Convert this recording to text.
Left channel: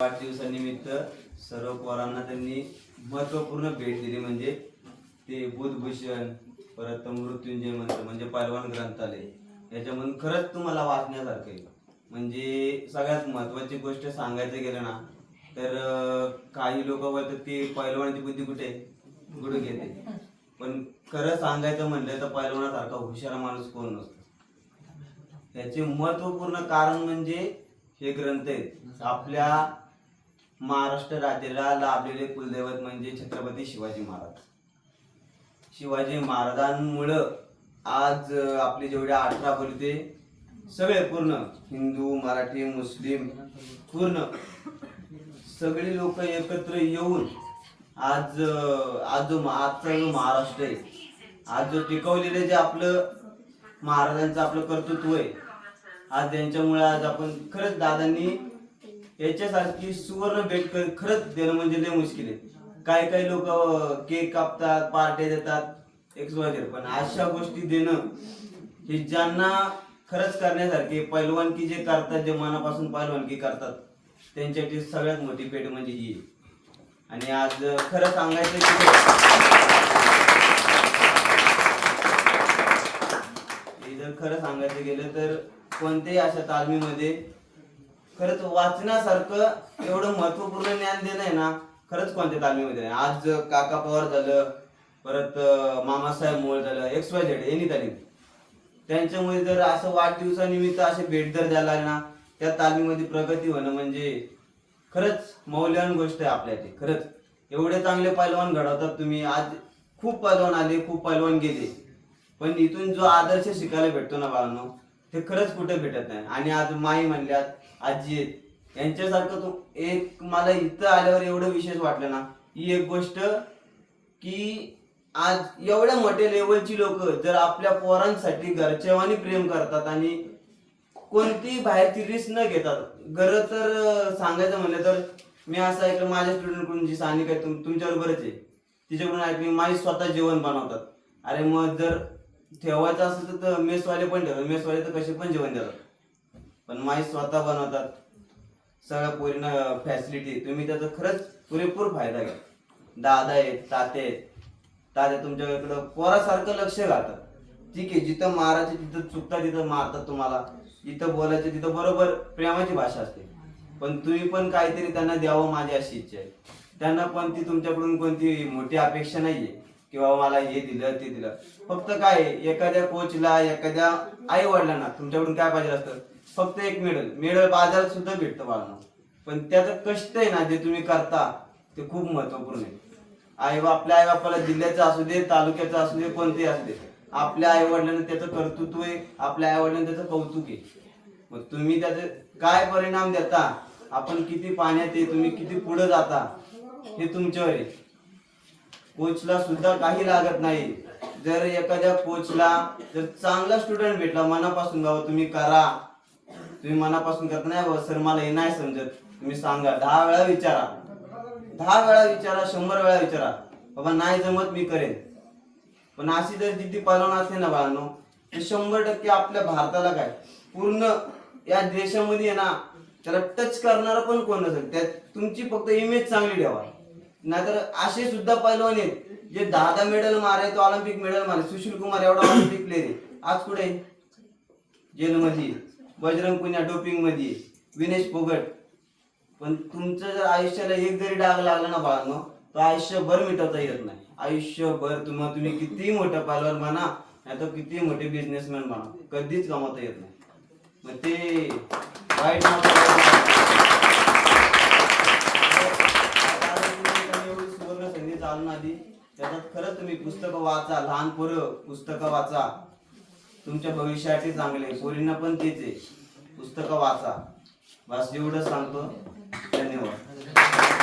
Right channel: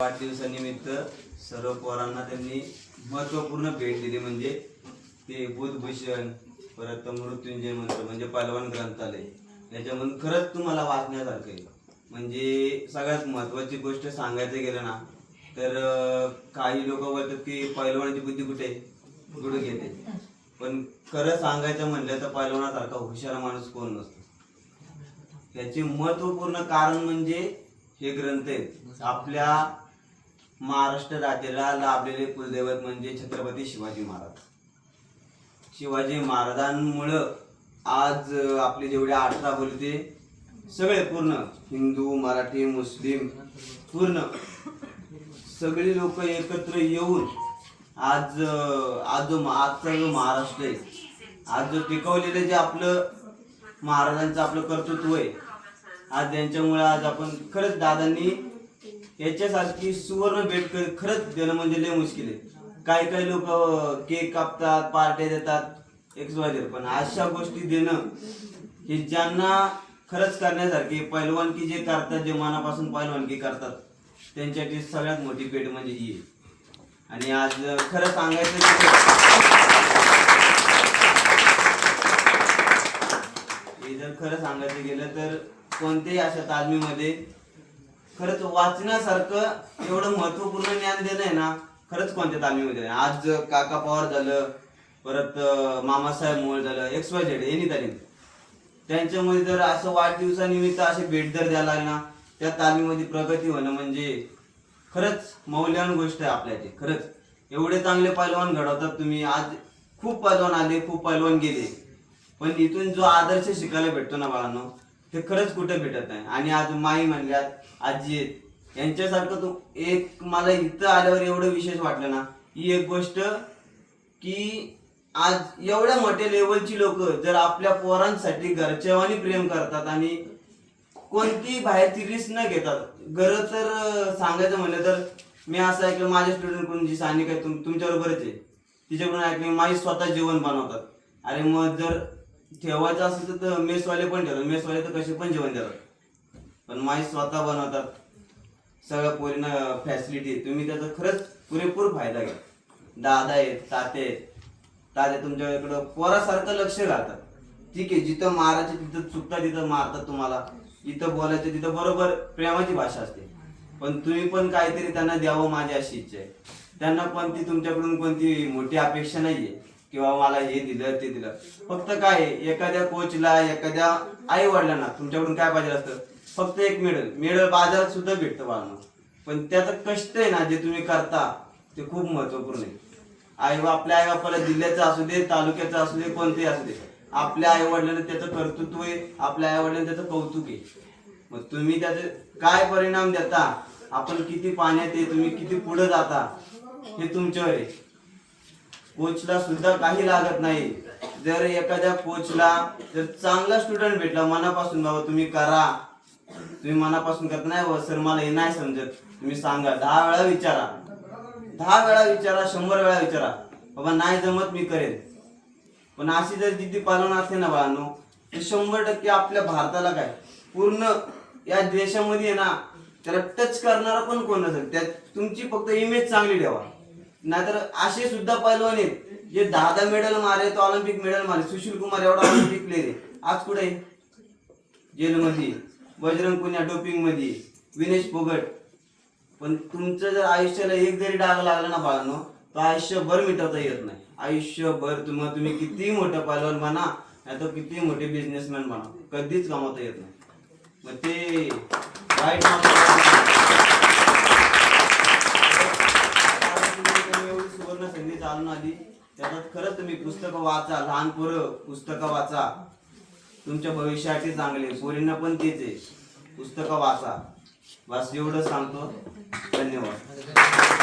वाढदिवसानिमित्त सर्व पोरांना त्यांनी महत्त्वपूर्ण भेट दिली. म्हणजे ते बुधभूषण परत मृत्युंजय मंत्र म्हणजे पालवान ग्रंथालय. याच्यामधून खरंच तुम्हाला वाचण्यासारखं आहे. म्हणजे सगळ्यात महत्वाची गोष्ट सांगायचं गेलं ना तर काही लोक बोलतात की पैलवानाची बुद्धी कुठे आहे? घेते पण खरं सांगायचं म्हणलं तर पैलवानासारखा हुशार माणूस कोण नसतो? त्याचे महत्त्वपूर्ण कारण म्हणजे हे ग्रंथ आहेत. आपल्या महाराष्ट्र राज्याला लाभलेले कुलदैवत म्हणजे छत्रपती शिवाजी महाराज. शिवाजी महाराजांमुळं आज आपले जेवढे अठरा बोलते सगळे पूर्ण हिंदू मराठी मुस्लिम पूर्ण सगळे लोक एकत्र येऊन आज आज जो आजचा जो महाराष्ट्र आहे आज जो टिकवलेलं जे आपलं महाराजांचं आपलं कर्तृत्व आहे आज त्यांच्यामुळे आज आपण खरंच दादांनी याच्यासारखी सुवर्ण भेट खरंच देणं म्हणजे लय मुश्किल आहे. काही काही लोक केक कापतात पार्ट्या देतात एक्सवायझर पण अशा गोष्टी देणं हे ज्यांना खरंच करण्यासारखे पैलवानकी जे करतात जे मनापासून पैलवानकी करतात त्यांच्यासाठी सगळ्यात मोठी भेट म्हणजे ही आहे. आणि आज खरं सांगायचं की हे जर खरं सांगायचं गेलं तर कोणत्याही अशा तालमीमध्ये खरंच वाचण्यासारखं एवढं महत्त्वपूर्ण ज्ञान देणं आहे ना खरंच कोणत्या तालमीमध्ये नाही. आज काका पवार झालं परत मामासाहेब मोळ झालं एक्स वाय झेड यांनी तालीम त्यांच्यामध्ये जर असं वाढदिवसानिमित्त असे भेट जर द्यायला लागणार ना त्या तालीमध्ये प्रगती होणं म्हणजे खरंच मौल्यवान गोष्ट आहे आपल्याची खरंच. एवढे चांगले पैलवान घडवतात तुम्ही. आज खूप पैलवान आले खूप पैलवान गेले. पण इथून जो आदर्श शिकायला भेटतो ना बाळांनो ते खरंच कुठे भेटत नाही. आणि आज माई म्हणल्यात आजी आहेत. यांच्यासारखं तू एक मला इथं आल्यावर एवढं विशेष वाटलं ना? ही एक गोष्ट की आज एवढ्या मोठ्या लेवलची लोक जर आपल्या पोरांसाठी घरच्यावानी प्रेम करतात आणि कोणती बाहेरची रिस्क न घेतात. गरज तर सांगायचं म्हणलं तर मी असं ऐकलं माझ्या स्टुडंट कोण जी सानिक आहे तुम तुमच्याबरोबरच आहे. तिच्याकडून ऐकली माझी स्वतः जेवण बनवतात. अरे मग जर ठेवायचं असेल तर मेसवाले पण ठेवतात. मेसवाले तर कसे पण जेवण देतात. पण माई स्वतः बनवतात. सगळ्या पोरींना फॅसिलिटी तुम्ही त्याचा खरंच पुरेपूर फायदा घ्या. दादा आहेत ताते आहेत. तात्या तुमच्या इकडं पोरासारखं लक्ष घालतात ठीक आहे जिथं मारायचे तिथं चुकता तिथं मारतात तुम्हाला. जिथं बोलायचे तिथं बरोबर प्रेमाची भाषा असते. पण तुम्ही पण काहीतरी त्यांना द्यावं माझी अशी इच्छा आहे. त्यांना पण ती तुमच्याकडून कोणती मोठी अपेक्षा नाहीये किंवा मला हे दिलं ते दिलं. फक्त काय एखाद्या कोचला एखाद्या आई वडिलांना तुमच्याकडून काय पाहिजे असतं? फक्त एक मेडल. मेडल बाजारात सुद्धा भेटतं बाळांना. पण त्याचं कष्ट आहे ना जे तुम्ही करता ते खूप महत्त्वपूर्ण आहे. आई आपल्या आई बापाला जिल्ह्याचं असू दे तालुक्याचं असू दे कोणते असू दे. आपल्या आई वडिलांना त्याचं कर्तृत्व आहे आपल्या आई वडिलांना त्याचं कौतुक आहे. मग तुम्ही त्याचे काय परिणाम देता आपण किती पाण्यात आहे तुम्ही किती पुढे जाता हे तुमच्यावर आहे. कोचला सुद्धा काही लागत नाही. जर एखाद्या कोचला जर चांगला स्टुडंट भेटला मनापासून बाबा तुम्ही करा तुम्ही मनापासून करत नाही व सर मला हे नाही समजत. तुम्ही सांगा दहा वेळा विचारा. दहा वेळा विचारा शंभर वेळा विचारा. बाबा नाही जमत मी करेन. पण अशी जर जिद्दी पालन असते ना बाळांनो तर शंभर टक्के आपल्या भारताला काय? पूर्ण या देशामध्ये आहे ना त्याला टच करणारा पण कोण नसेल? त्यात तुमची फक्त इमेज चांगली ठेवा. नाहीतर असे सुद्धा पैलवान आहेत जे दहा दहा मेडल मारे तो ऑलिम्पिक मेडल मारे सुशील कुमार एवढा ऑलिम्पिक प्लेअर आहे. आज कुठे? जेलमध्ये. बजरंग पुण्या डोपिंगमध्ये विनेश फोगट पण तुमचं जर आयुष्याला एक जरी डाग लागला ना बाळांनो तर आयुष्यभर मिटवता येत नाही. आयुष्यभर तुम्हाला तुम्ही किती मोठं पालवान म्हणा नाही तर किती मोठे बिझनेसमॅन म्हणा कधीच कमावता येत नाही. मग ते वाईट सुवर्ण संधी चालून आधी त्याच्यात खरंच तुम्ही पुस्तकं वाचा लहान पोरं पुस्तकं वाचा. तुमच्या भविष्यासाठी चांगले पोरींना पण तेच आहे. पुस्तकं वाचा. बस एवढं सांगतो धन्यवाद.